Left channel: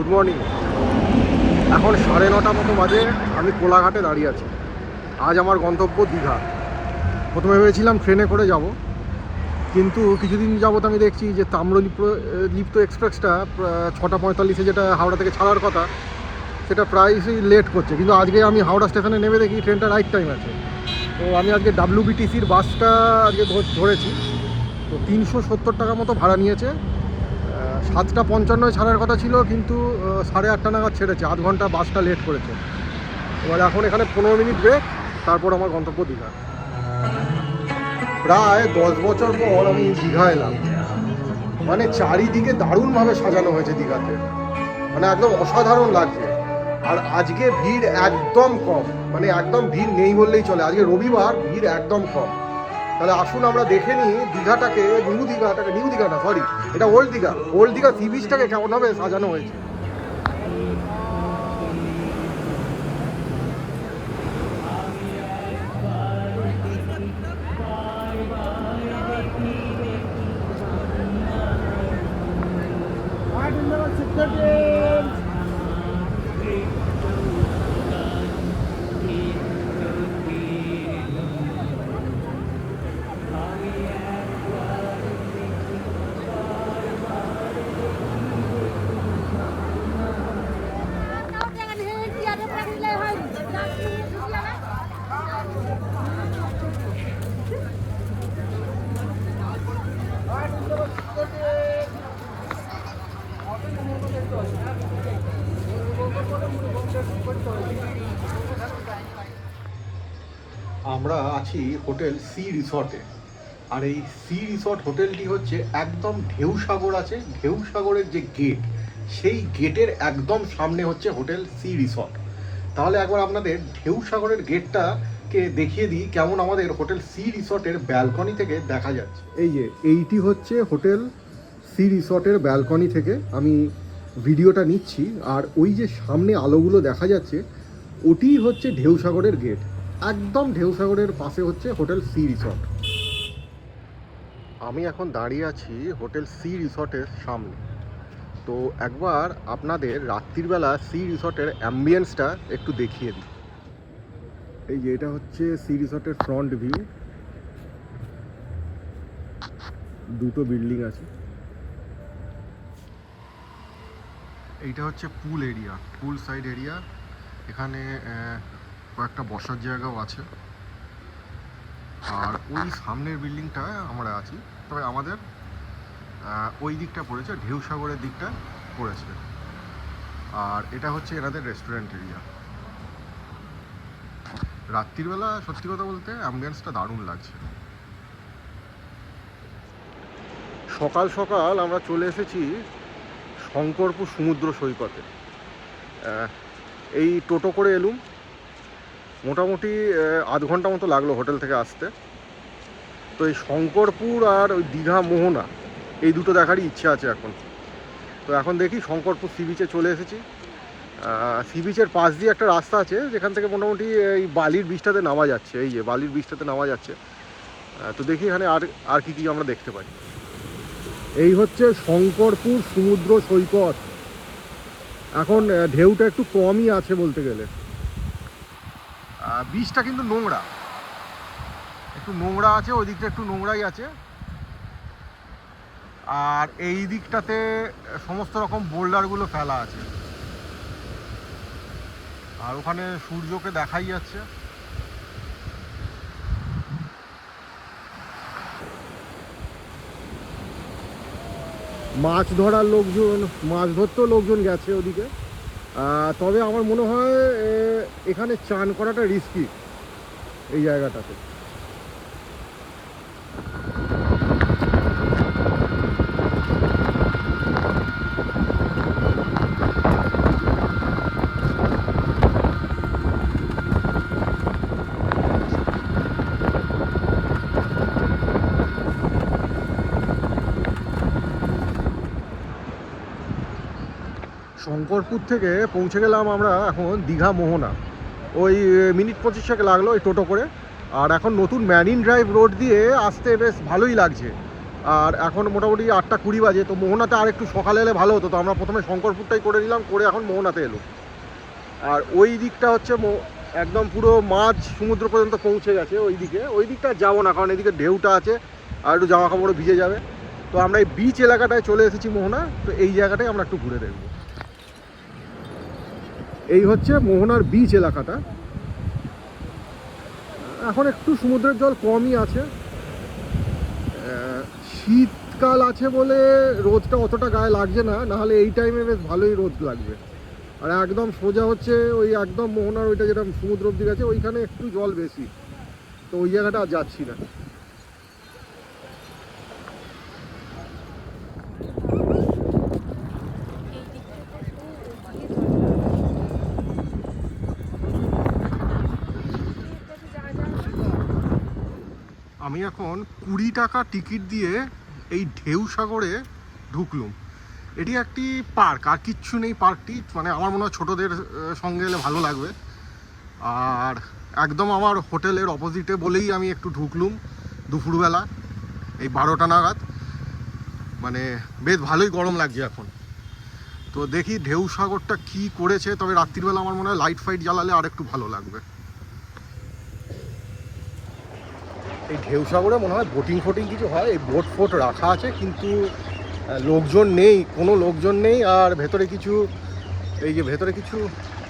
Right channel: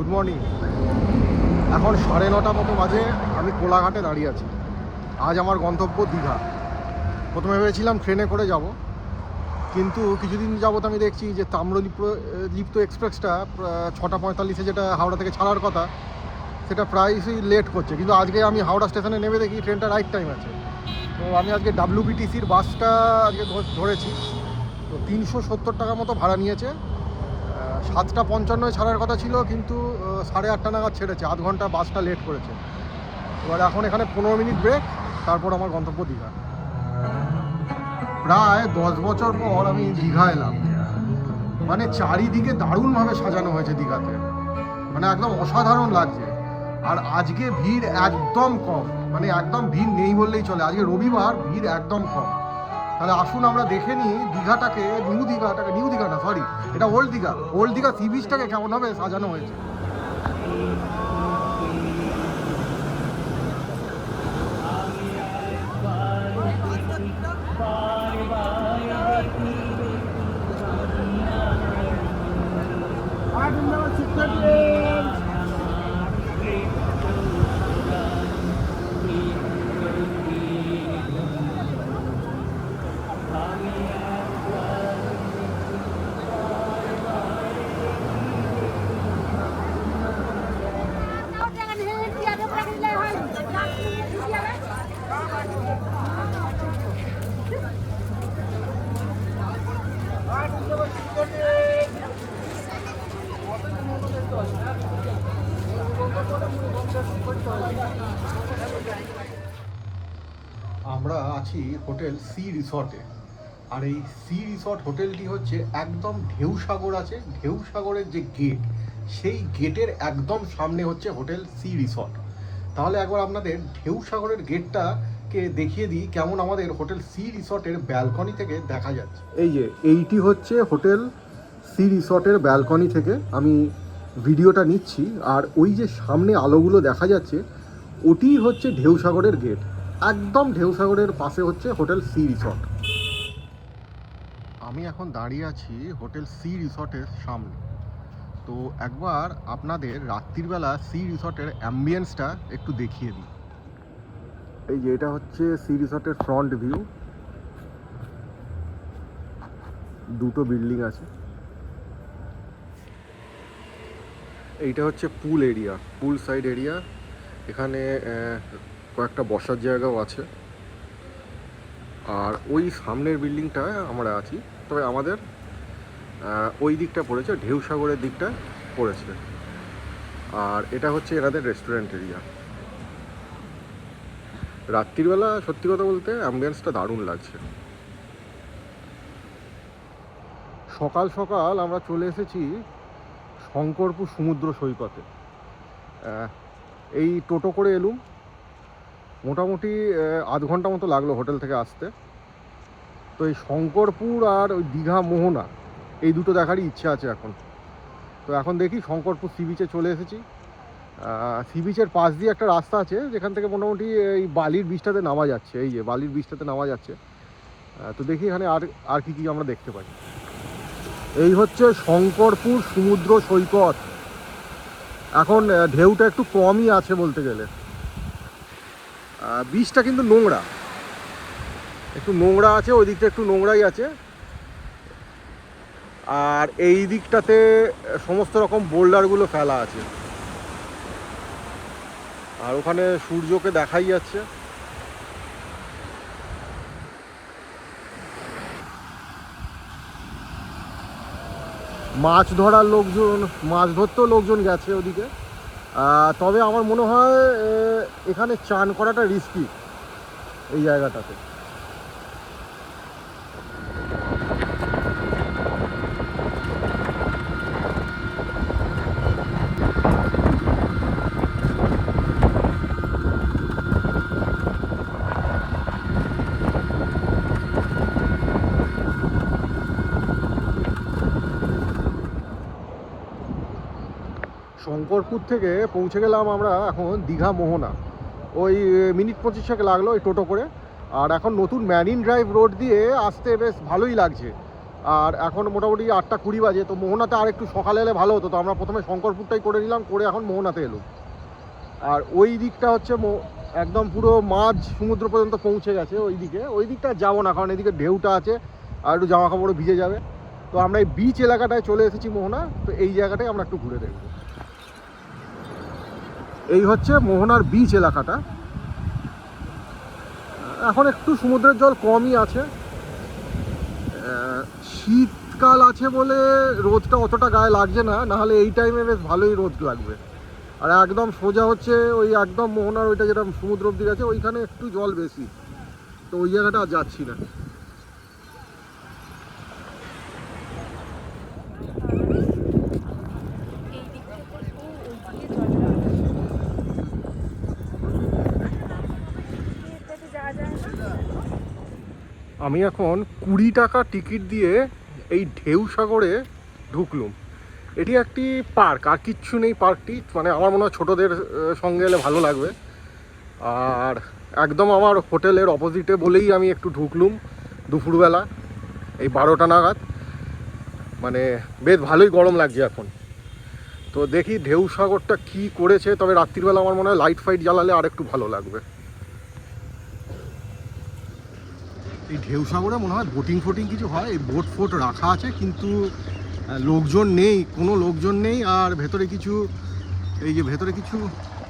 Good morning এখন সাড়ে নটা মতো বাজে, আমি কোলাঘাটে দাঁড়িয়ে আছি। আজ আমার গন্তব্য দীঘা। প্রথমে ভেবেছিলাম ট্রেনে করে যাব, কিন্তু কিছুদিন যাবত আমি দেখছি যে তাম্রলিপ্ত, লিপ্ত এক্সপ্রেসটা ছটা পঁয়তাল্লিশে যেটা হাওড়া থেকে ছাড়ার কথা, সেটা প্রায়শই লেট করছে। কিন্তু আজকে আমি হাওড়া স্টেশনে নেমে দেখি ট্রেনটা রাইট টাইম আছে। তো আমি আজকে ডাব্লিউবিটিসির বাসটা আজকে ধরেছি। তো তিনশো সত্তর টাকা মতো ভাড়া নিয়েছে। সাতটা পঞ্চান্নয় ছাড়ার কথা ছিল, কিন্তু সাড়ে আটটা নাগাদ ছেড়েছে, আধ ঘণ্টা বাসটা লেট করেছে। এবার এখন এখানে পনেরো মিনিট ব্রেক তারপর আমার গন্তব্য দীঘা প্রায় দশ বছর পর আমি দীঘা এলাম। মানে চারিদিকে দারুণভাবে সাজানো হয়েছে দীঘাতে। মানে একদম অসাধারণ লাগছে। আর আজকে ভিড় একদম কম। মানে একদম ভিড় নেই বললেই চলে। আজকে রবিবার ভিড় একদম কম। তাহলে আসুন আমরা দেখে নিই দীঘাটাকে, নিউ দীঘাটাকে, নিউ দীঘাটা সরি এটা old Digha. Old Digha sea বিচটাকে কেমনভাবে সাজানো হয়েছে। আমরা আছি হোটেল সি রিসর্টে। আর এই সি রিসর্ট হোটেলটি হচ্ছে একদম ঢেউ সাগর আছে। ঢেউ সাগরের যে গেট সেই গেটের একদম সামনে হচ্ছে হোটেল সি রিসর্ট। তাহলে একবার আপনাদের ঢেউ সাগরের গেটটাকে দেখিয়ে দিই, কেমন আমাদের হোটেল সি রিসর্টের ব্যালকনি থেকে দেখা যাচ্ছে। এই যে, এইটি হচ্ছে হোটেল সি রিসর্টের ব্যালকনি থেকে। আমি ভিডিওটা নিচ্ছি, আর ওই যে সামনে আলোগুলো দেখা যাচ্ছে ওটিই হচ্ছে ঢেউ সাগরের গেট একদম ঢেউ সাগরের পাশে হচ্ছে হোটেল সি রিসর্ট। আমি এখন দাঁড়িয়ে আছি হোটেল সি রিসর্টের সামনে। তো একবার আপনাদের রাত্রিবেলা সি রিসর্টের অ্যাম্বিয়েন্সটা একটু দেখিয়ে দিই। এই যে এটা হচ্ছে সি রিসর্টের ফ্রন্ট ভিউ দুটো বিল্ডিং আছে। এইটা হচ্ছে pool area pool side area এখানে কয়েকটা বসার জায়গাও আছে। আর ওই সামনের বিল্ডিংটা আমরা আছি, তবে আমাদের ওই দিকটা পড়েছে, ঢেউ সাগরের দিকটা পড়েছে। আর এটা হচ্ছে এনাদের রেস্টুরেন্ট এরিয়া রাত্রিবেলা, সত্যি কথা বলতে অ্যাম্বুলেন্সটা দারুণ লাগছে। সকাল সকাল আমরা চলে এসেছি শঙ্করপুর সমুদ্র সৈকতে। এই টোটো করে এলুম। মোটামুটি আধ ঘণ্টা মতো লাগল হোটেল থেকে আসতে। তো এই শঙ্করপুর আর ওই দীঘা মোহনা, এই দুটো দেখারই ইচ্ছা আছে এখন। তো এখন দেখি শঙ্করপুর সি বিচে চলে এসেছি। সি বিচের পাশ দিয়ে একটা রাস্তা আছে, যেখান থেকে মোটামুটি এই বালির বীজটাতে নামা যাচ্ছে। এই যে বালির বীজটাতে নামা যাচ্ছে। তো দেখি এখানে আর আর কি কি আমরা দেখতে পাই। এই হচ্ছে শঙ্করপুর সমুদ্র সৈকত। এখন ঢেউটা একটু কমই আছে বলতে গেলে। বীজটা কিন্তু নোংরা। একটু নোংরা আছে, ওই দিকটা একটু নোংরাই আছে। আর এই দিকটাতে সমস্ত রকম বোল্ডারগুলো ফেলা আছে। আর ওখানে সূর্যকে দেখাই যাচ্ছে। মাছ ধরার লোকজন, মাছ ধরতেও লোকজন গেছে ওদিকে। তবে আমার মনে হয় এখানে চান করাটা রিস্কি এই জায়গাটাতে। শঙ্করপুর থেকে পৌঁছে গেলাম আমরা এখন দীঘা মোহনা। ওই মিনিট পঁচিশ পঁচিশেক লাগল ওই টোটো করে। আর এখন নতুন ম্যারিন ড্রাইভ রোড দিয়ে আসতে বেশ ভালোই লাগছে। আর এখন মোটামুটি আটটা কুড়ি বাজে, তো মোহনাতে আর একটু সকালে এলে ভালো হতো। তো আমরা প্রথমে শঙ্করপুরটাই করে নিলাম, করে এখন মোহনাতে এলো। আর ওই দিকটা হচ্ছে একদম পুরো মাঝ সমুদ্র পর্যন্ত পৌঁছে গেছে ওই দিকে। ওই দিকটা যাব না, কারণ এদিকে ঢেউটা আছে, আর একটু জামা কাপড়ও ভিজে যাবে। তো আমরা এই বিচ এলাকাটায় চলে এসেছি মোহনা, তো এই জায়গাটাই আমরা একটু ঘুরে দেখব। এই হচ্ছে মোহনার বিচ এলাকাটা। এখন একটু সমুদ্রের জল কমই আছে। শীতকাল আছে বলে রোদটা অতটা গায়ে লাগছে না, নাহলে এই টাইমে বেশ ভালোই রোদ লাগবে। আর একদম সোজা হচ্ছে ওই একদম মোহনার ওইটা যেটা সমুদ্র অব্দি গেছে, ওইখানে একটু জল বেশি। তো ওই জায়গাটা আর যাচ্ছি না এই দিক থেকে তো ওই মাঠে যাওয়া আমি এখন কুড়ি টাকা টিকিট দিয়ে এই ঢেউ সাগরে ঢুকলুম। এটি একটি পার্ক, আর কিচ্ছু নেই পার্কটি মানে আমার মনে হয় ছোটোদের সঙ্গে এলে ভালো লাগবে। আর একদম আমার হোটেলের অপোজিটে বলেই আমি একটু ঢুকলুম দুপুরবেলা, এই বারোটা নাগাদ। মানে বেশ ভালোই গরম লাগছে এখন। তো দেখি ঢেউ সাগরটা কী করেছে, তবে রাত্রিবেলা আমার মনে হয় লাইট ফাইট জ্বালালে আর একটু ভালো লাগবে। এই ঢেউ সাগরে মনে হয় বোটিং ফোটিং কিছু হয়, এই বোট ফোট রাখা আছে, কিন্তু লোকজন নেই, কোনো লোকজন নেই, আর ভেতরে কিছু, এই যে ভেতরে কিছু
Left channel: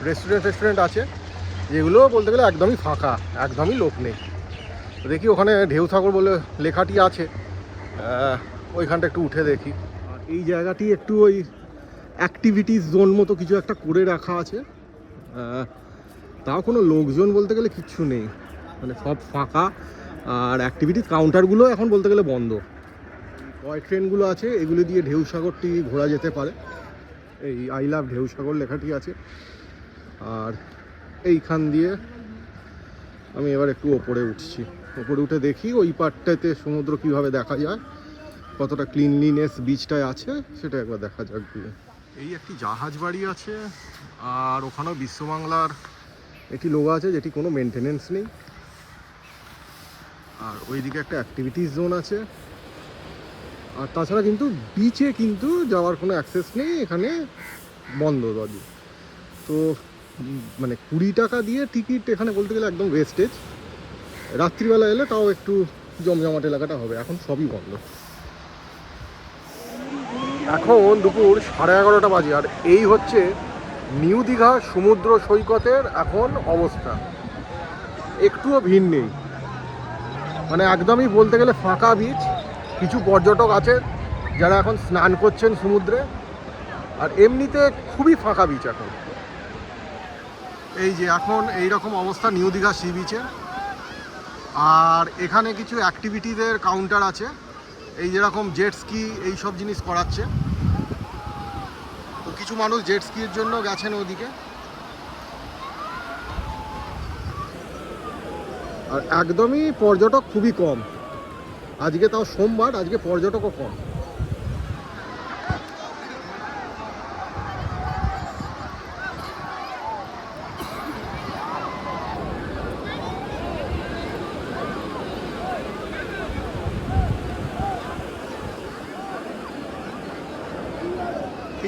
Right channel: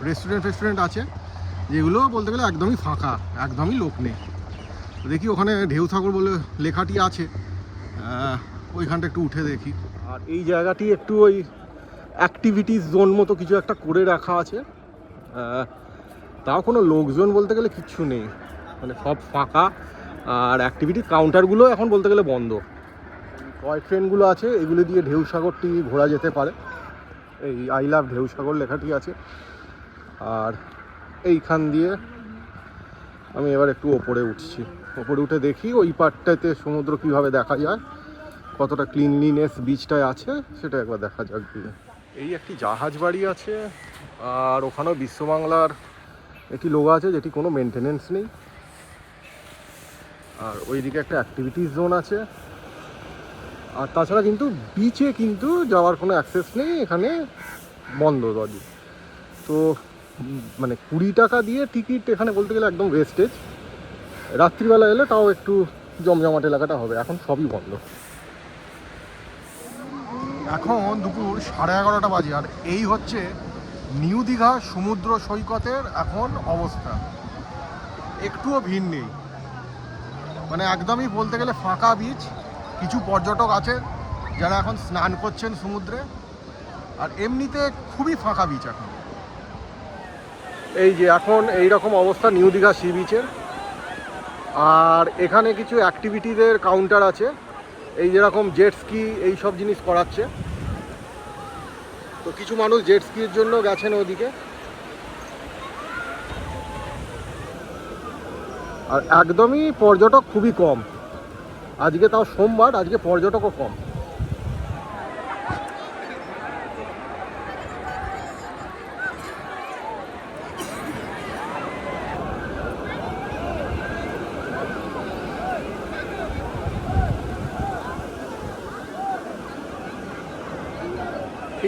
রেস্টুরেন্ট ফেস্টুরেন্ট আছে, যেগুলো বলতে গেলে একদমই ফাঁকা, একদমই লোক নেই। দেখি ওখানে ঢেউ সাগর বলে লেখাটি আছে ওইখানটা একটু উঠে দেখি। আর এই জায়গাটি একটু ওই অ্যাক্টিভিটিস জোন মতো কিছু একটা করে রাখা আছে তাও কোনো লোকজন বলতে গেলে কিচ্ছু নেই মানে সব ফাঁকা। আর অ্যাক্টিভিটি কাউন্টারগুলো এখন বলতে গেলে বন্ধ। টয় ট্রেনগুলো আছে, এগুলো দিয়ে ঢেউ সাগরটি ঘোরা যেতে পারে। এই আই লাভ ঢেউ সাগর লেখাটি আছে। আর এইখান দিয়ে আমি এবার একটু ওপরে উঠছি। ওপরে উঠে দেখি ওই পার্টটাতে সমুদ্র কীভাবে দেখা যায়, কতটা ক্লিনলিনেস বিচটায় আছে, সেটা একবার দেখা যাক দিয়ে এই একটি জাহাজ বাড়ি আছে, আর ওখানেও বিশ্ববাংলার একটি লোগো আছে, যেটি কোনো মেনটেনেন্স নেই। আর ওইদিকে একটা অ্যাক্টিভিটিস জোন আছে। আর তাছাড়া কিন্তু বিচে কিন্তু যাওয়ার কোনো অ্যাক্সেস নেই, এখানে বন্ধ দরজা তো মানে কুড়ি টাকা দিয়ে টিকিট এখানে বলতে গেলে একদম ওয়েস্টেজ রাত্রিবেলা এলে তাও একটু জমজমাট এলাকাটা হবে, এখন সবই বন্ধ। এখন দুপুর সাড়ে এগারোটা বাজে, আর এই হচ্ছে নিউ দীঘা সমুদ্র সৈকতের এখন অবস্থা। একটুও ভিড় নেই। মানে একদমই বলতে গেলে ফাঁকা বিচ কিছু পর্যটক আছে যারা এখন স্নান করছেন সমুদ্রে। আর এমনিতে খুবই ফাঁকা বিচ এখন। এই যে এখন এই রকম অবস্থা নিউ দীঘা সি বিচের আর এখানে কিছু অ্যাক্টিভিটিদের কাউন্টার আছে। এই যেরকম জেট স্কি এই সব জিনিস করাচ্ছে। তো কিছু মানুষ জেট স্কির জন্য গেছেন ওদিকে। আর একদমই পর্যটক খুবই কম। আজকে তাও সোমবার, আজকে পর্যটকও কম।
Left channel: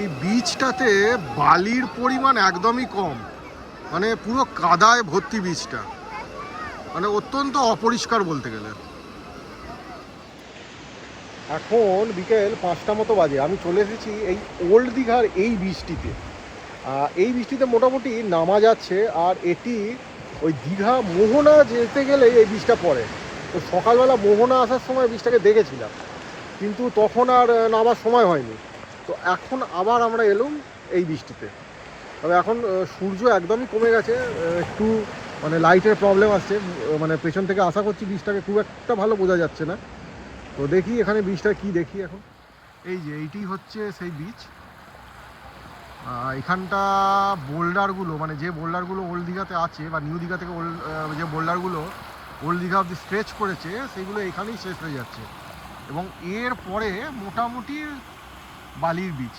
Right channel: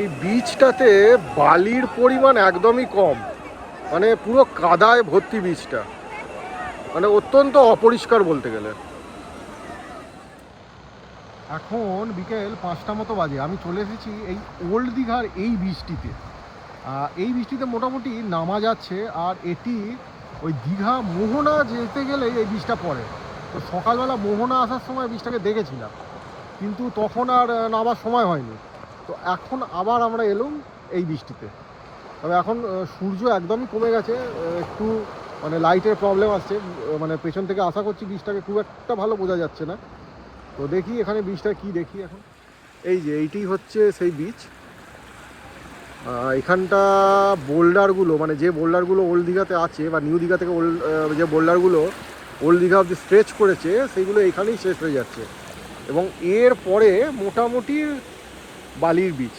এই বীজটাতে বালির পরিমাণ একদমই কম। মানে পুরো কাদায় ভর্তি বীজটা। মানে অত্যন্ত অপরিষ্কার বলতে গেলে। এখন বিকেল পাঁচটা মতো বাজে। আমি চলে এসেছি এই ওল্ড দীঘার এই বৃষ্টিতে এই বৃষ্টিতে মোটামুটি নামা যাচ্ছে, আর এটি ওই দীঘা মোহনা যেতে গেলে এই বীজটা পড়ে। তো সকালবেলা মোহনা আসার সময় বীজটাকে দেখেছিলাম, কিন্তু তখন আর নামার সময় হয়নি। তো এখন আবার আমরা এলাম এই বৃষ্টিতে তবে এখন সূর্য একদমই কমে গেছে একটু মানে লাইটের প্রবলেম আসছে মানে পেছন থেকে আশা করছি বীজটাকে খুব একটা ভালো বোঝা যাচ্ছে না। তো দেখি এখানে বীজটা কি দেখি এখন। এই যে এইটি হচ্ছে সেই বীজ এখানটা বোল্ডারগুলো মানে যে বোল্ডারগুলো ওল্ড দীঘাতে আছে বা নিউ দীঘা থেকে ওল্ড যে বোল্ডারগুলো ওল্ড দীঘা অব্দি স্ট্রেচ করেছে সেইগুলো এখানেই শেষ হয়ে যাচ্ছে। এবং এর পরে মোটামুটি বালির বীজ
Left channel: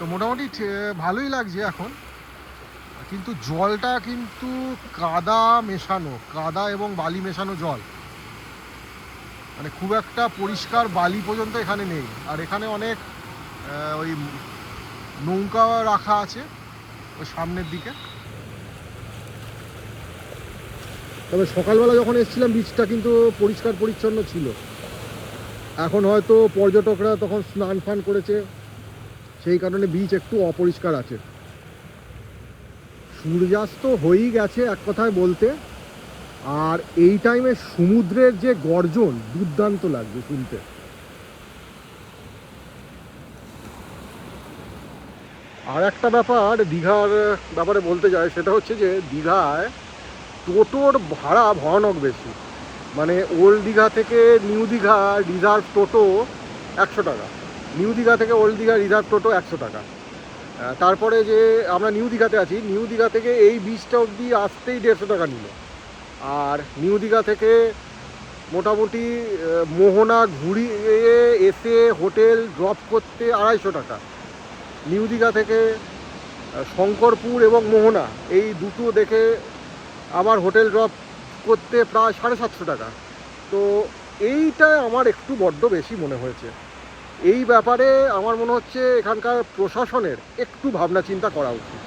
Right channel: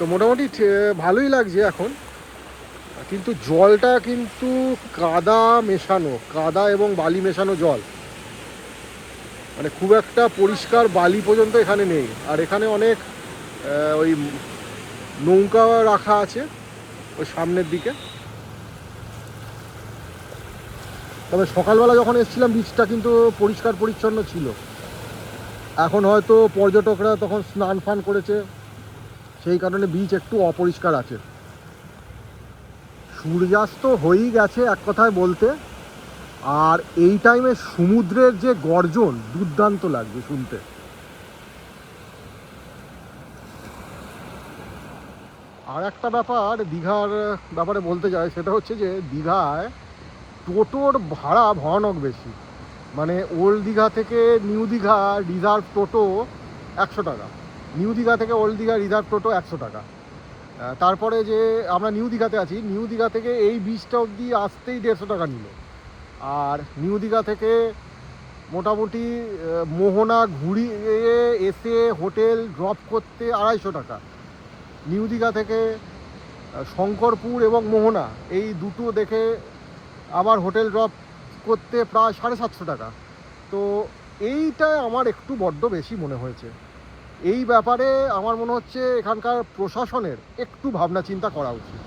তো মোটামুটি ভালোই লাগছে এখন। কিন্তু জলটা কিন্তু কাদা মেশানো, কাদা এবং বালি মেশানো জল। মানে খুব একটা পরিষ্কার বালি পর্যন্ত এখানে নেই। আর এখানে অনেক ওই নৌকা রাখা আছে ওই সামনের দিকে। তবে সকালবেলা যখন এসেছিলাম বিচটা কিন্তু পরিষ্কার পরিচ্ছন্ন ছিল। এখন হয়তো পর্যটকরা তখন স্নান ফান করেছে। সেই কারণে বিচ একটু অপরিষ্কার আছে। সূর্যাস্ত হয়েই গেছে এক কথায় বলতে। আর এই টাইমে সমুদ্রের যে গর্জন, দুর্দান্ত লাগবে শুনতে। আর একটা ব্যাপার দীঘার ব্যাপারে বলতে যায় সেটা হচ্ছে যে দীঘায় টোটোর ভাড়া ভয়ানক বেশি। মানে ওল্ড দীঘা থেকে নিউ দীঘা রিজার্ভ টোটো একশো টাকা। নিউ দীঘা থেকে ওল্ড দীঘা রিজার্ভ টোটো একশো টাকা। তারপরে যে আমরা নিউ দীঘাতে আছি, নিউ দীঘা থেকে এই বিচটা অবধি আসতেই দেড়শো টাকা নিল। আর নিউ দীঘা থেকে মোটামুটি মোহনা ঘুরিয়ে এসে হোটেল ড্রপ করতে আড়াইশো টাকা। নিউ দীঘা থেকে শঙ্করপুর এবং মোহনা, এই দুটো দেখে আবার হোটেল ড্রপ করতে প্রায় সাড়ে সাতশো টাকা। তো এইটা আমার একটু বড্ড বেশি মনে হয়েছে। এই ব্যাপারে আমার মনে হচ্ছে এখানকার প্রশাসনের একটু ভাবনা চিন্তা করা উচিত।